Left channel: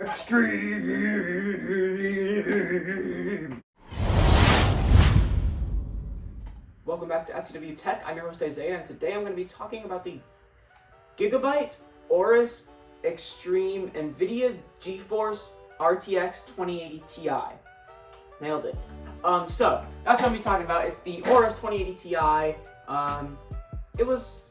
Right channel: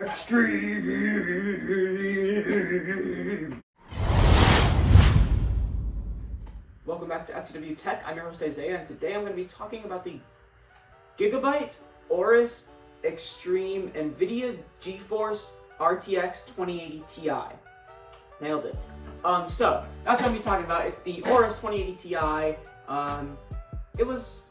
Extreme. Welcome back to FTW Tech. I'm your host Isaiah, and today I'm going to be talking about the Gigabyte AORUS XTREME NVIDIA GeForce RTX 2080 Ti. Nailed it. So that's what I'm going to be talking about. It's the AORUS 2080 Ti. It was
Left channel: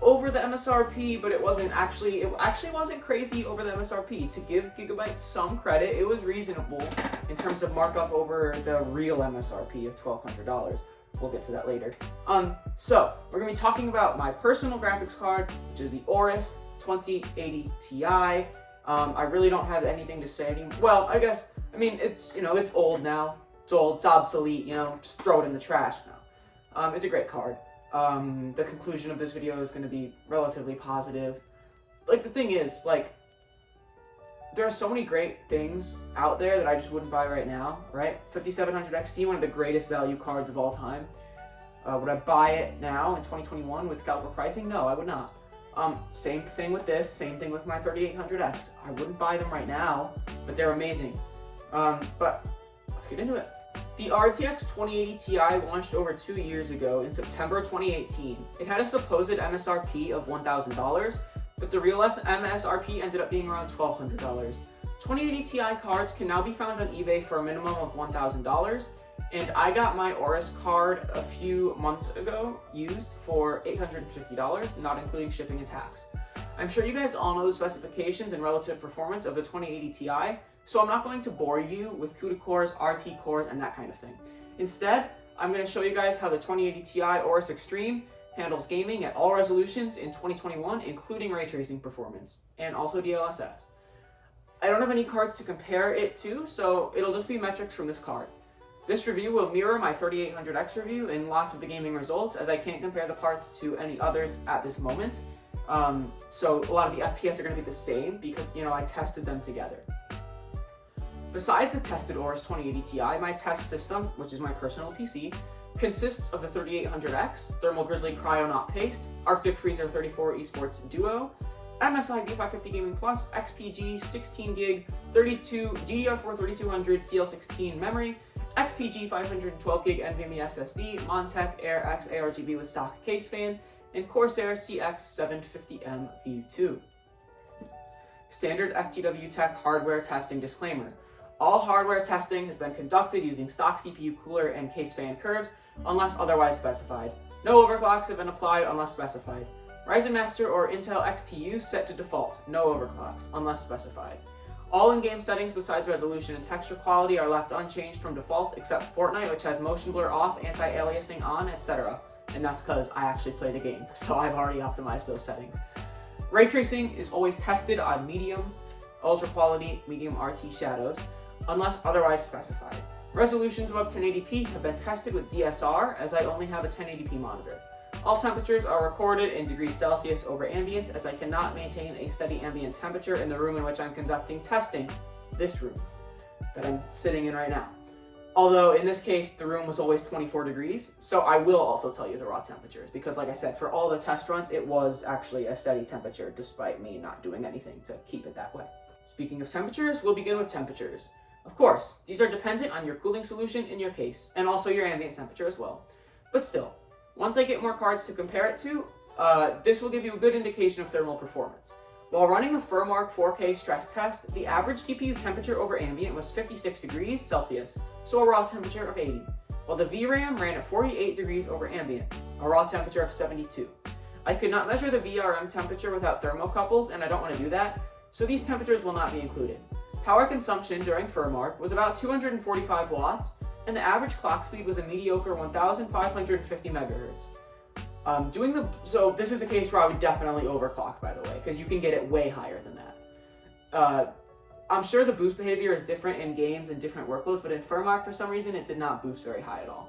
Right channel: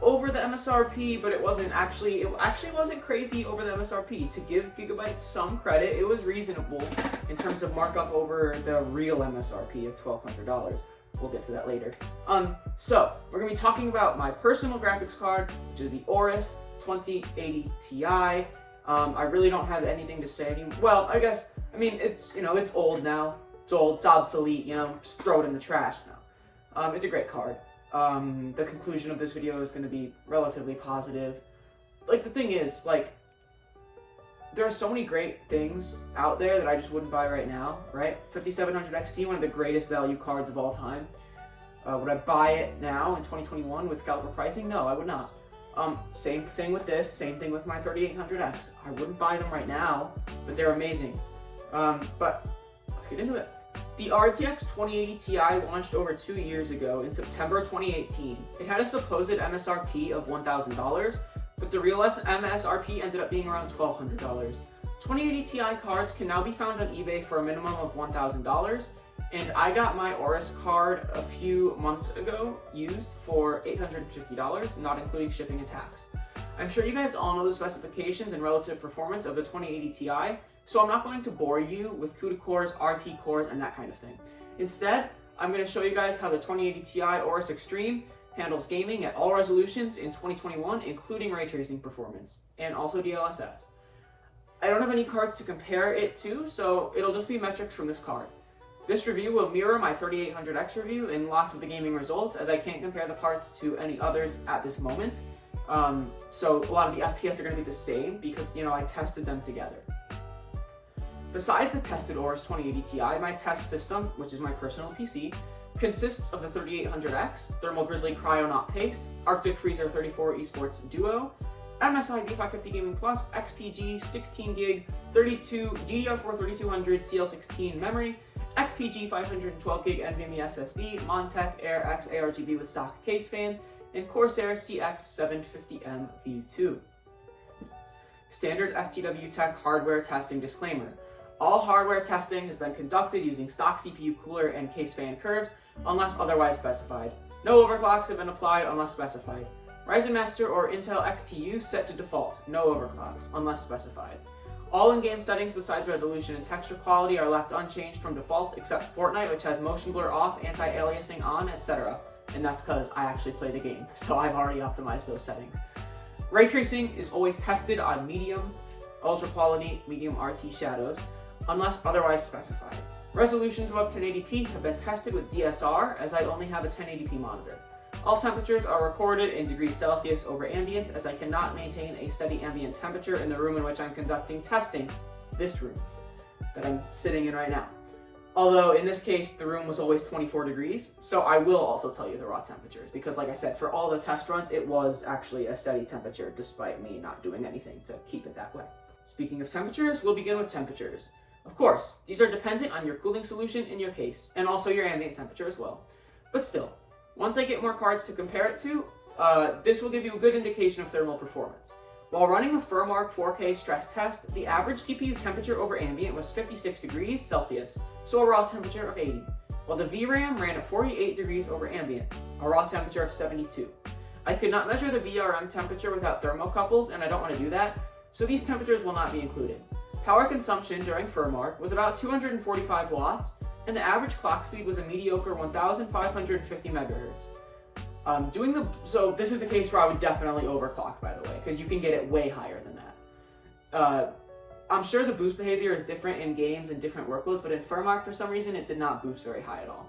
over the MSRP, but it actually wasn't crazy over the MSRP. To give Gigabyte some credit, it was reasonable in terms of markup over the real MSRP of $1,200. We'll get to that later. So we're gonna be talking about my personal graphics card, which is the AORUS 2080 Ti. I really don't have anything to say anymore. Well, it's old now. It's old, it's obsolete, just throw it in the trash now. It's a great card. The conclusion of this video is going to be relatively positive. The thing is, there are so many great things out there that I just wouldn't buy right now, right? 5700 XT, one of the greatest value cards of all time. Would I buy it now in 2021 with scalper pricing? No, I would not. Same thing with this, same thing with my 3800X. I wouldn't buy them right now, but they're amazing. But let's get into it. The RTX 2080 Ti launched over 2 years ago in September 2018. It had a supposed MSRP of $1,000, but the real MSRP ended up being around $1,200. 2080 Ti cards can now be found on eBay for a minimum of $1,000, and I got my AORUS card a few months ago used for $850, not including shipping and tax. I'm sure you guys all know the specifications and relative performance of the 2080 Ti, so I'm not going to bore you with CUDA cores, RT cores, and that kind of thing. Instead, I'm going to show you guys how the 2080 Ti AORUS XTREME handles gaming at all resolutions in 2021, including ray tracing performance, and also DLSS. I don't have any cards to compare it to, so it'll just be metrics from this card. This review will mirror my 3800X review in lots of the gaming results, as I can't compare the parts to any others at this moment. So a lot of the FPS are going to be the same because, I tested them together. Besides the tested AORUS 2080 Ti, my test system, which is my personal PC, consists of the 3800X, Thermal Grizzly Cryonaut Paste, Arctic Freezer 34 Esports Duo, MSI B550 Gaming Plus, XPG 16GB, 32 DDR4 3200 CL16 memory, XPG 512GB NVMe SSD, Montech Air X ARGB with stock case fans, and Corsair CX750M V2. Standard FTW Tech hardware testing disclaimer. All hardware testing has been conducted using stock CPU cooler and case fan curves unless otherwise specified. No overclocks have been applied unless specified. Ryzen Master or Intel XTU set to default. No overclocks unless specified. All in-game settings besides resolution and texture quality are left unchanged from default except Fortnite, which has motion blur off, anti-aliasing on, etc. And that's because I actually play the game, so I've already optimized those settings. Ray tracing is always tested on medium, ultra quality, medium RT shadows, unless otherwise specified. Resolutions above 1080p have been tested with DSR, as I only have a 1080p monitor. All temperatures are recorded in degrees Celsius over ambient, as I cannot maintain a steady ambient temperature in the room in which I'm conducting testing, this room that I'm sitting in right now. Although in this case, the room was always 24 degrees, so I will also tell you the raw temperatures, because like I said, for all the test runs, it was actually a steady temperature, despite me not doing anything to keep it that way. Speaking of temperatures, we'll begin with temperatures. Of course, these are dependent on your cooling solution in your case, and also your ambient temperature as well. But still, once I get more cards to compare it to, this will give you a good indication of thermal performance. While running the FurMark 4K stress test, the average GPU temperature over ambient was 56 degrees Celsius, so a raw temperature of 80, while the VRAM ran at 48 degrees over ambient, a raw temperature of 72. I could not measure the VRM temperature without thermocouples, and I don't want to do that, so these temperatures will not be included. Power consumption during FurMark was about 245 watts, and the average clock speed was a mediocre 1,550 megahertz. So this is a case where I would definitely overclock, by the way, because you can get it way higher than that. I'm sure the boost behavior is different in games and different workloads, but in FurMark, for some reason, it did not boost very high at all.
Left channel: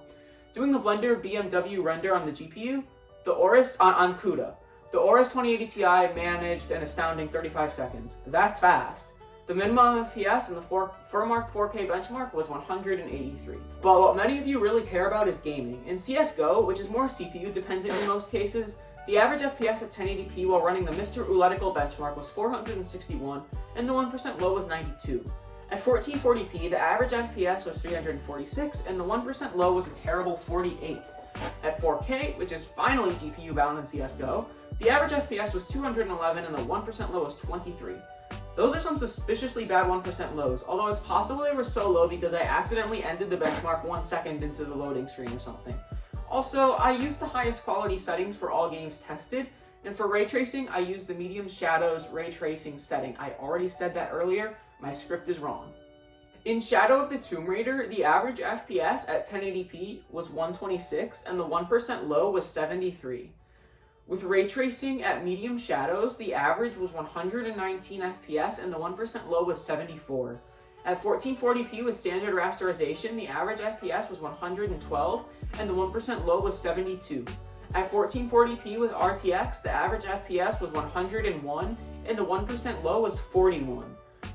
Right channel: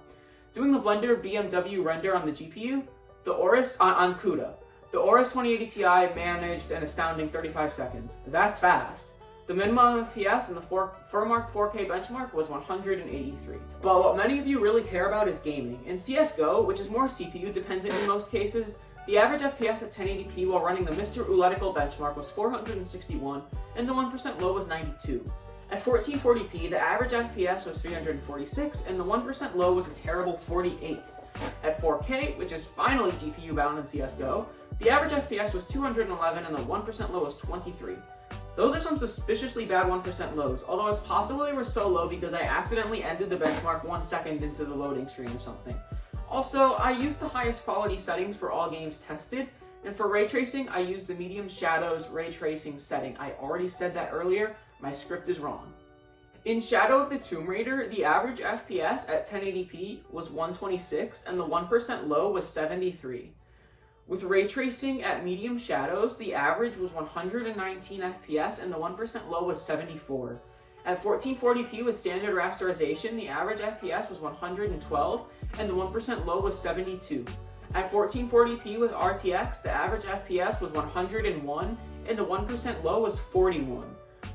Doing the Blender BMW render on the GPU, the AORUS, on CUDA, the AORUS 2080 Ti managed an astounding 35 seconds. That's fast. The minimum FPS in the FurMark 4K benchmark was 183. But what many of you really care about is gaming. In CSGO, which is more CPU dependent in most cases, The average FPS at 1080p while running the Mr. Uletical benchmark was 461, and the 1% low was 92. At 1440p, the average FPS was 346, and the 1% low was a terrible 48. At 4K, which is finally GPU bound in CSGO, the average FPS was 211 and the 1% low was 23. Those are some suspiciously bad 1% lows, although it's possible they were so low because I accidentally ended the benchmark 1 second into the loading screen or something. Also, I used the highest quality settings for all games tested, and for ray tracing, I used the medium shadows ray tracing setting. I already said that earlier, my script is wrong. In Shadow of the Tomb Raider, the average FPS at 1080p was 126 and the 1% low was 73. With ray tracing at medium shadows, the average was 119 FPS and the 1% low was 74. At 1440p with standard rasterization, the average FPS was 112 and the 1% low was 72. At 1440p with RTX, the average FPS was 101 and the 1% low was 41.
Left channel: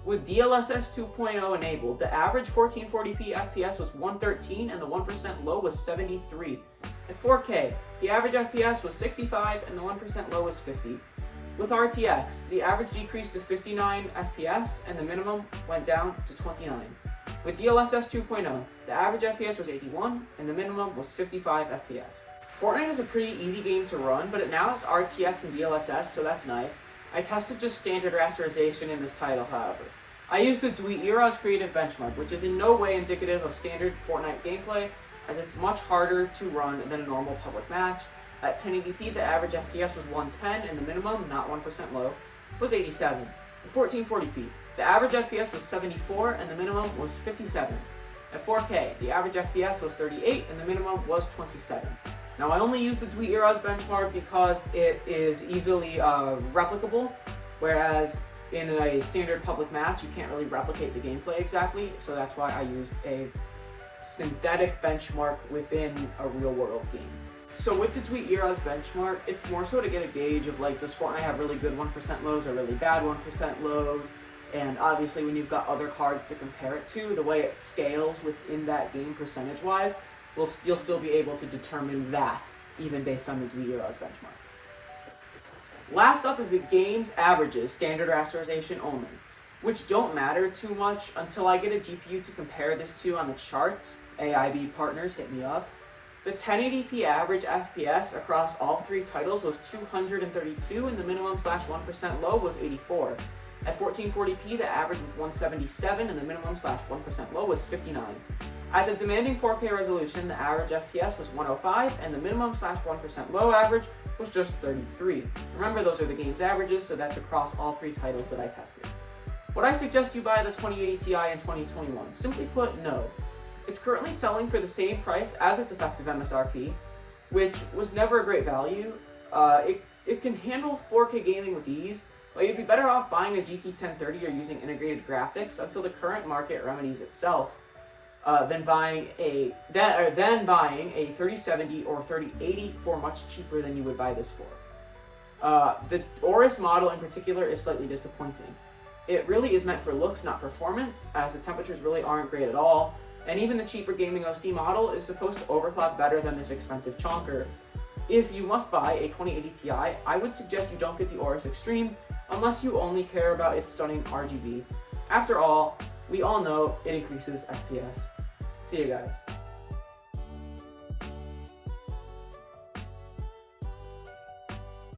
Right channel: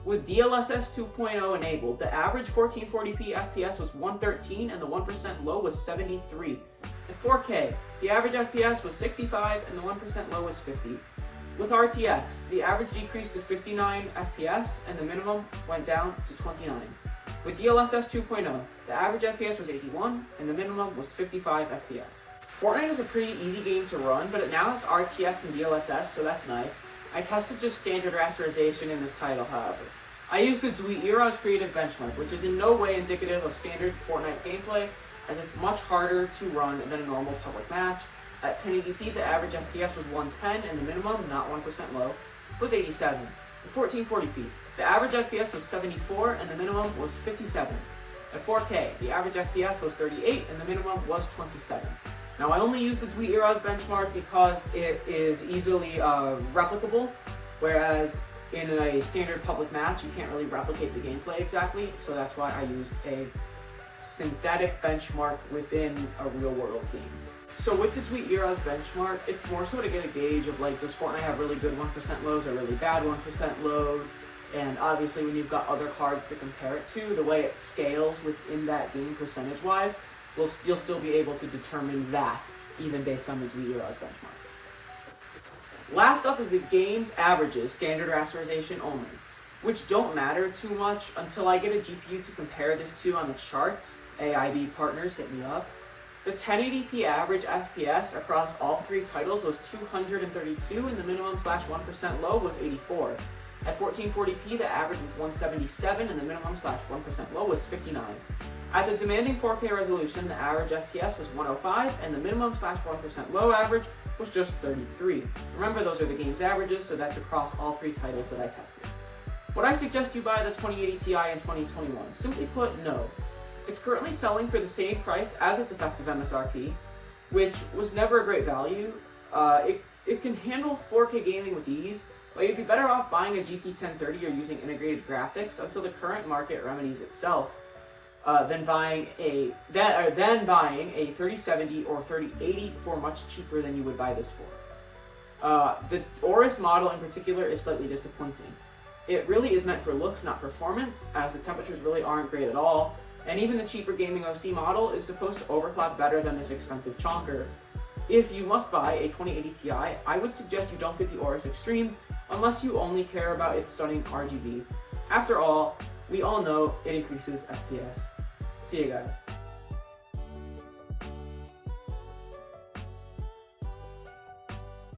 With DLSS 2.0 enabled, the average 1440p FPS was 113 and the 1% low was 73. At 4K, the average FPS was 65 and the 1% low was 50. With RTX, the average decreased to 59 FPS and the minimum went down to 29. With DLSS 2.0, the average FPS was 81 and the minimum was 55 FPS. Fortnite is a pretty easy game to run, but it now has RTX and DLSS, so that's nice. I tested just standard rasterization in this title, however. I used the AORUS Creative benchmark, which is in no way indicative of standard Fortnite gameplay, as it's much harder to run than a normal public match. At 1080p, the average FPS was 110, and the minimum, not 1% low, was 87. At 1440p, the average FPS was 74, and the minimum was 57. At 4K, the average FPS was 38, and the minimum was 27. Now, I only use the AORUS benchmark because it is easily replicable, whereas in a standard public match, you can't really replicate the gameplay exactly, so that's why I used a synthetic benchmark within a real-world game. So with the AORUS benchmark, it's more so to get a gauge of, like, does Fortnite have really good 1% lows or really bad 1% lows, and obviously when you've got other cards to compare it to, the way it scales within that game percentage-wise, you'll still be able to determine that, even based on the AORUS benchmark. Last up is the game's averages, standard rasterization only, which don't matter too much until I get a GPU to compare this to on the charts. AIB partners, hit me up. The 1080p average FPS across all three titles was 232 and the minimum / 1% low was 84. At 1440p, the average was 177 and the minimum / 1% low was 59. At the demanding 4K resolution, the average FPS was 105 and the minimum / 1% low average was just 33. Remember, those are the game's averages, so that's across all three titles that I tested. Would I suggest you buy the 2080 Ti in 2021? Simply put, no. It's currently selling for the same price as its effective MSRP, which was never a great value. It can handle 4K gaming with ease, but you'd be better off buying a GT 1030 or using integrated graphics until the current market remedies itself, than buying a 3070 or 3080 for much cheaper than you would buy this for. The AORUS model in particular is slightly disappointing. It really is meant for looks, not performance, as the temperatures really aren't great at all, and even the cheaper gaming OC model is supposed to overclock better than this expensive chonker. If you must buy a 2080 Ti, I would suggest you don't get the AORUS XTREME unless you only care about its stunning RGB. After all, we all know it increases FPS. See you guys.